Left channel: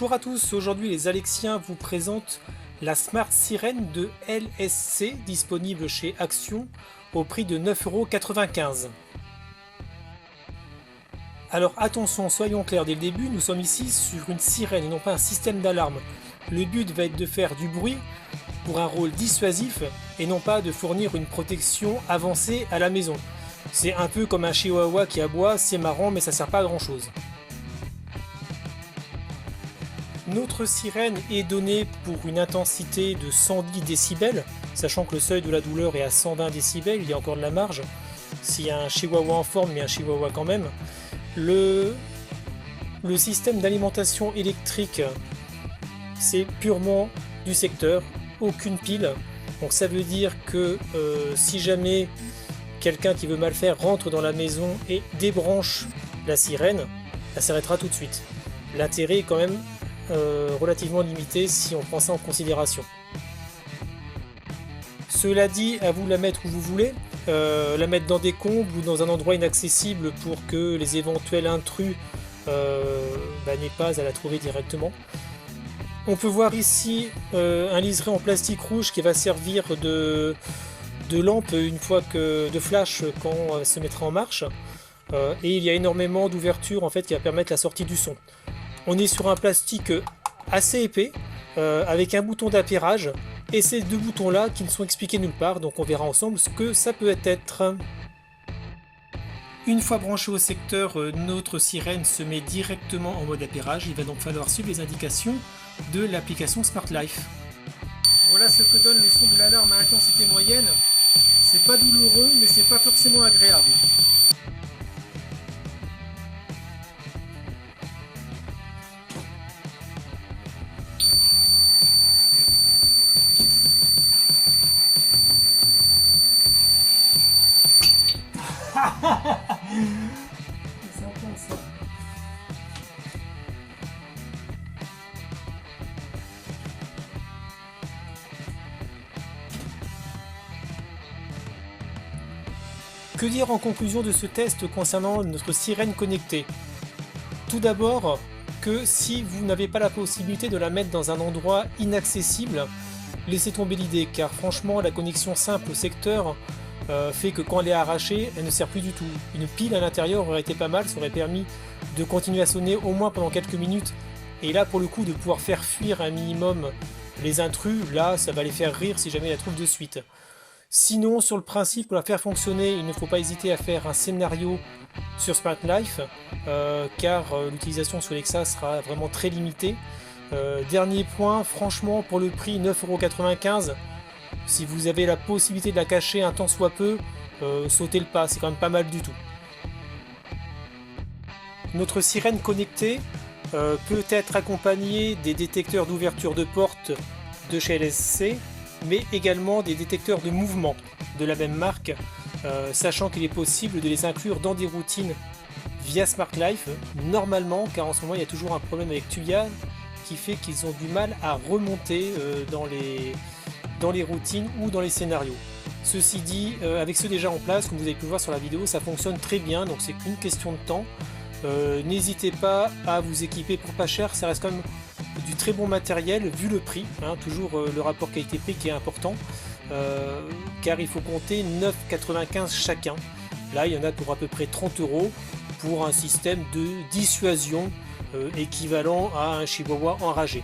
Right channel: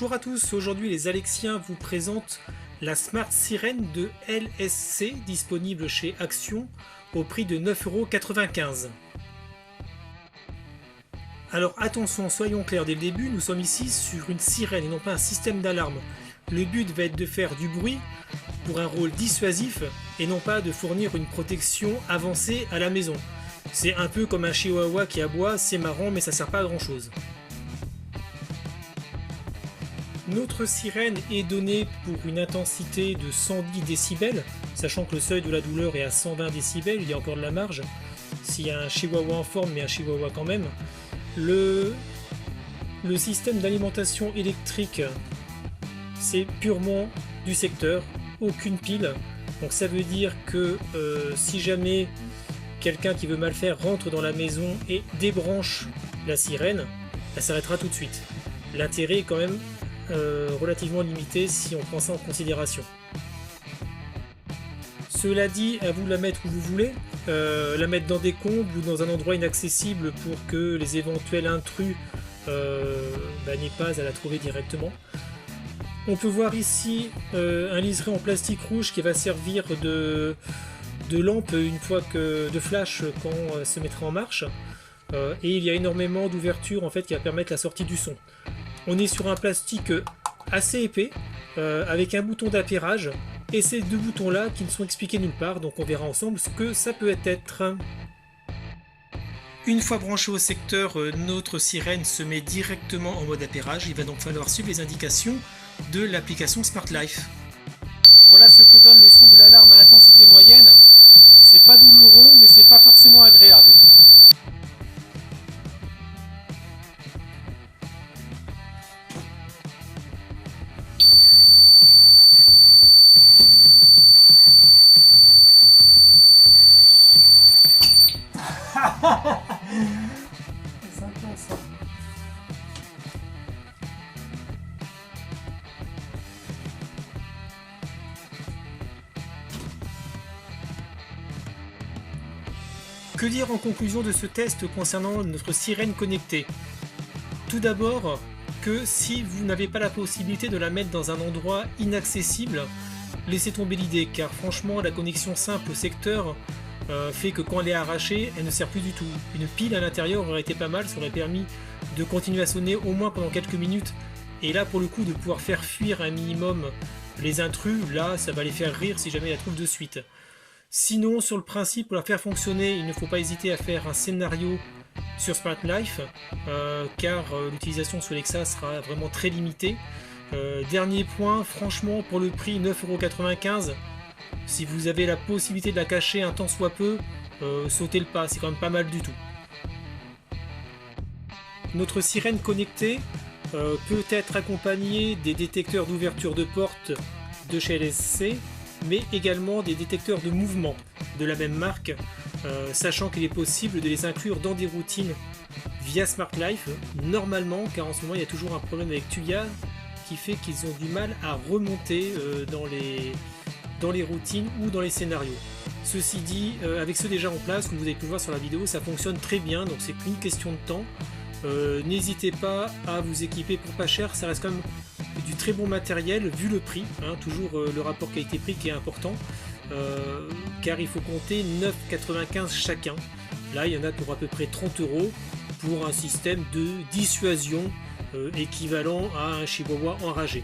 Bonjour à tous, aujourd'hui les Alexiens vous présentent la Smart Sirène de LSC disponible chez Action au prix de 9,95 €. Alors attention, soyons clairs dès le début, nous sommes ici sur une sirène et non pas un système d'alarme. Le but va être de faire du bruit pour un rôle dissuasif et non pas de fournir une protection avancée à la maison. C'est un peu comme un chihuahua qui aboie, c'est marrant mais ça sert pas à grand chose. Notre sirène est donnée pour une intensité de 110 décibels, sachant que le seuil de la douleur est à 120 décibels, il y a encore de la marge. S'il y a un chihuahua en forme, mais un chihuahua quand même. Le système d'alimentation électrique, c'est purement du secteur, aucune pile. Donc ça veut dire que si jamais quelqu'un qui veut mal faire rentre dans la maison et débranche la sirène, elle s'arrêtera tout de suite. L'intérêt est quand même relativement limité si on prend ça en considération. Cela dit, à vous de la mettre où vous voulez, la mettre dans des combles ou dans un endroit inaccessible pour que les éventuels intrus n'aient pas à la trouver directement. On peut voir ici un liseré en plastique rouge qui va servir de lampe une fois de flash quand elle se mettra en marche. Et il y a énormément d'ouvertures en fait qui va permettre la sortie du son. On est sur un plastique assez épais avec un bouton d'appairage et ces deux boutons là qui ne sont expliqués nulle part, donc on verra ensemble ce que ça peut être. Une fois branché au secteur, notre sirène se met directement en mode appairage. Il va donc falloir suivre les indications de l'application Smart Life. Voilà ce que donne le son de l'alarme à intensité moyenne. C'est pas douloureux mais c'est pas forcément agréable. C'est intense, ça. Que dire en conclusion de ce test concernant notre sirène connectée? Tout d'abord, que si vous n'avez pas la possibilité de la mettre dans un endroit inaccessible, laissez tomber l'idée, car franchement la connexion simple au secteur fait que quand elle est arrachée, elle ne sert plus du tout. Une pile à l'intérieur aurait été pas mal, ça aurait permis de continuer à sonner au moins pendant quelques minutes. Et là pour le coup de pouvoir faire fuir un minimum les intrus, là ça va les faire rire si jamais ils la trouvent de suite. Sinon sur le principe, pour la faire fonctionner, il ne faut pas hésiter à faire un scénario sur Smart Life, car l'utilisation sur Alexa sera vraiment très limitée. Dernier point, franchement pour le prix 9,95 €, si vous avez la possibilité de la cacher un tant soit peu, sautez le pas, c'est quand même pas mal du tout. Notre sirène connectée peut être accompagnée des détecteurs d'ouverture de porte de chez LSC, mais également des détecteurs de mouvement de la même marque, sachant qu'il est possible de les inclure dans des routines via Smart Life, normalement, car en ce moment il y a toujours un problème avec Tuya qui fait qu'ils ont du mal à remonter dans les routines ou dans les scénarios. Ceci dit, avec ceux déjà en place, comme vous avez pu le voir sur la vidéo, ça fonctionne très bien, donc c'est qu'une question de temps. N'hésitez pas à vous équiper pour pas cher, ça reste quand même du très bon matériel vu le prix, hein, toujours le rapport qualité-prix qui est important, car il faut compter 9,95 € chacun. Là il y en a pour à peu près 30 € pour un système de dissuasion équivalent à un chihuahua enragé.